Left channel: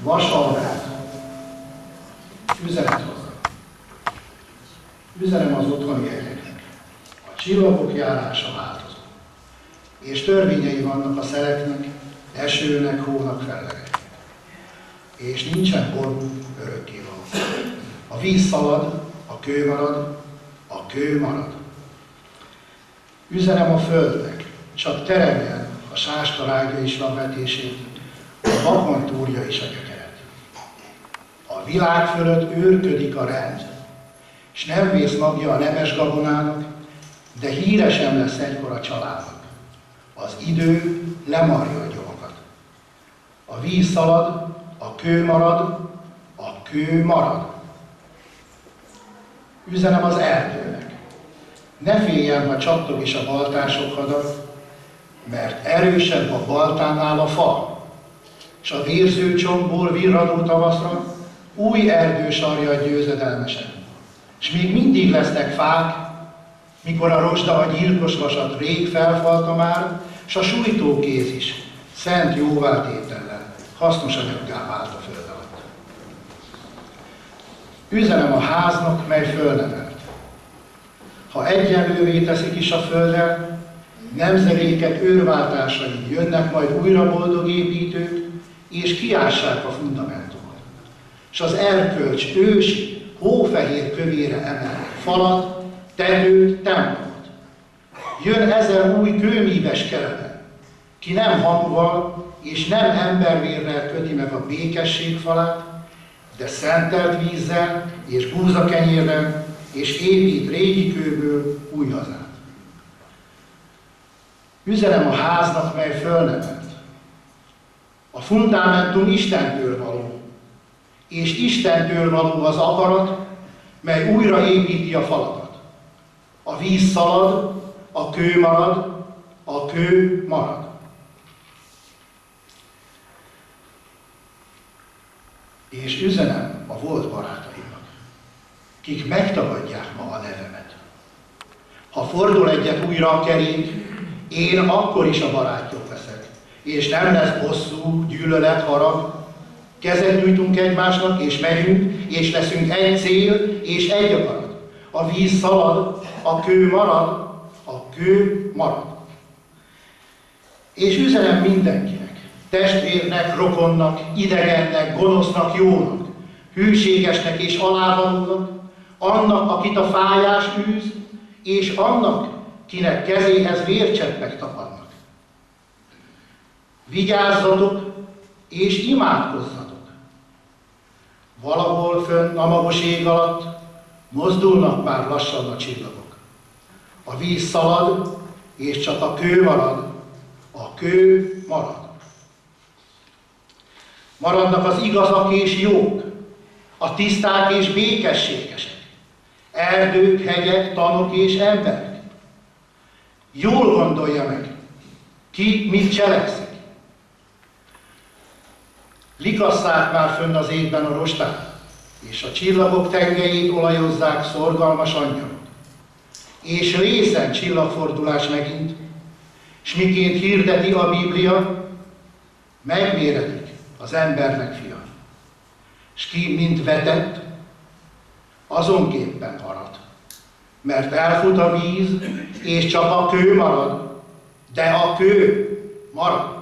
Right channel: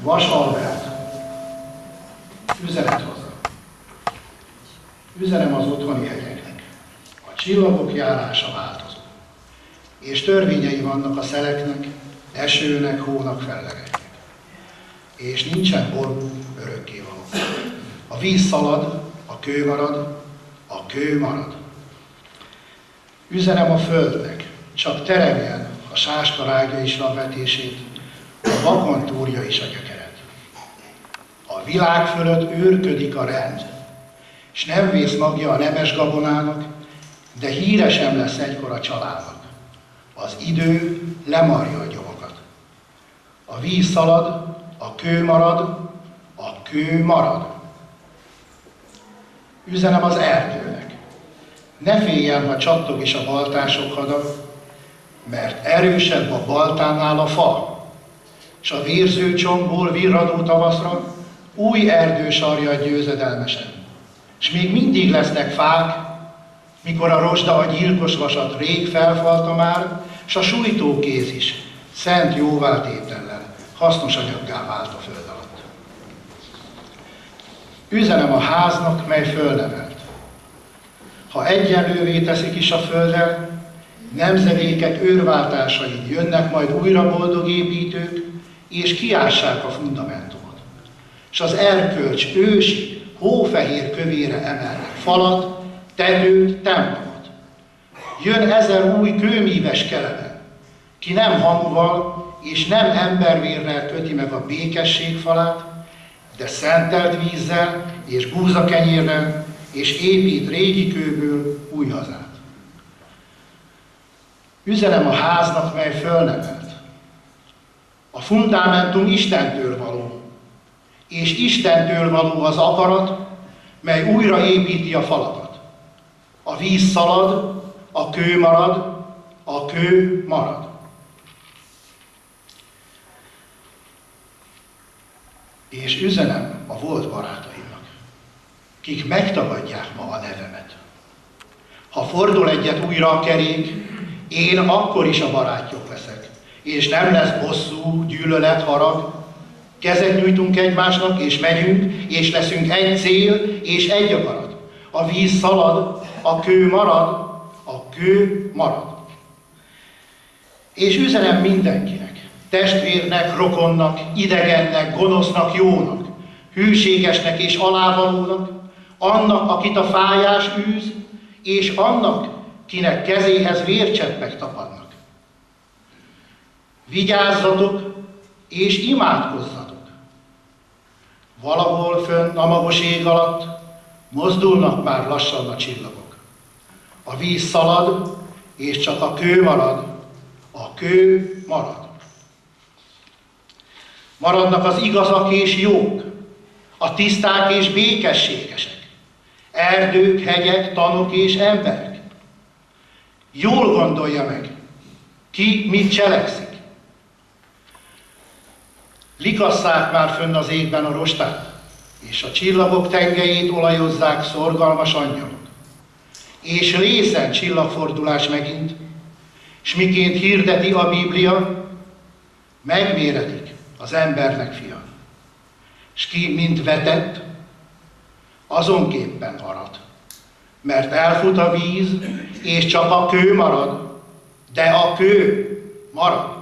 Vas Albert, üzenet hozzá. Üzenem az otthoni egyeknek. A csillagok járása változó, és törvényei vannak a szeleknek, esőnek, hónak, fellegeknek. És nincsen ború örökkévaló. A víz szalad, a kő marad, a kő marad. Üzenem a földnek, csak teremjen a sáska rágja is a vetését, a vakon túrja is a gyökeret. A világ fölött őrködik a rend, s nem vész magja a nemes gabonának, de híre sem lesz egykor a családnak. Az idő lemarja a gyomokat. A víz szalad, a kő marad, a kő marad. Üzenem az erdőnek. Ne féljen, ha csattog is a baltások hada, mert erősebb a baltánál a fa, s a vérző csontból virradó tavaszra új erdő sarjad győzedelmesen. S még mindig lesznek fák, mikor a rozsda a gyilkos vasat rég felfalta már, s a sújtókéz is szent jóváltétellel hasznos anyaggá vált a föld alatt. Üzenem a háznak, mely fölnevelt. Ha egyenlővé teszik is a földdel, nemzedékek őrváltásaid jönnek majd újra boldog építők, és kiássák a fundamentumot. És az erkölcs ősi, hófehér kövére emelnek falat, tetőt, templomot. Jön 1000 új kőmíves kelebe, ki nem hamuval és nem embervérrel köti meg a békesség falát, de szentelt vízzel és búzakenyérrel, és épít régi kőből új hazát. Üzenem a háznak, mely fölnevelt. A fundamentum Istentől való, és Istentől való az akarat, mely újra építi a falakat. A víz szalad, a kő marad, a kő marad. És üzenem a volt barátaimnak, kik megtagadják ma a nevemet. Ha fordul egyet újra a kerék, én akkor is a barátjuk leszek, és nem lesz bosszú, gyűlölet, harag. Kezet nyújtunk egymásnak, és megyünk, és leszünk egy cél, és egy akarat. A víz szalad, a kő marad, a kő marad. És üzenem mindenkinek, testvérnek, rokonnak, idegennek, gonosznak, jónak, hűségesnek és alávalónak, annak, akit a fájás űz, és annak, kinek kezéhez vércseppek tapadnak. Vigyázzatok és imádkozzatok. Valahol fönn a magos ég alatt mozdulnak már lassan a csillagok. A víz szalad, és csak a kő marad, a kő marad. Maradnak az igazak és jók, a tiszták és békességesek, erdők, hegyek, tanok és emberek. Jól gondolja meg, ki mit cselekszik. Likasszák már fönn az égben a rostát, és a csillagok tengelyét olajozzák szorgalmas angyalok. És részen csillagfordulás megint, s miként hirdeti a Biblia, megméretik az embernek fia. S ki, mint vetett, azonképpen arat. Mert elfut a víz, és csak a kő marad, de a kő marad.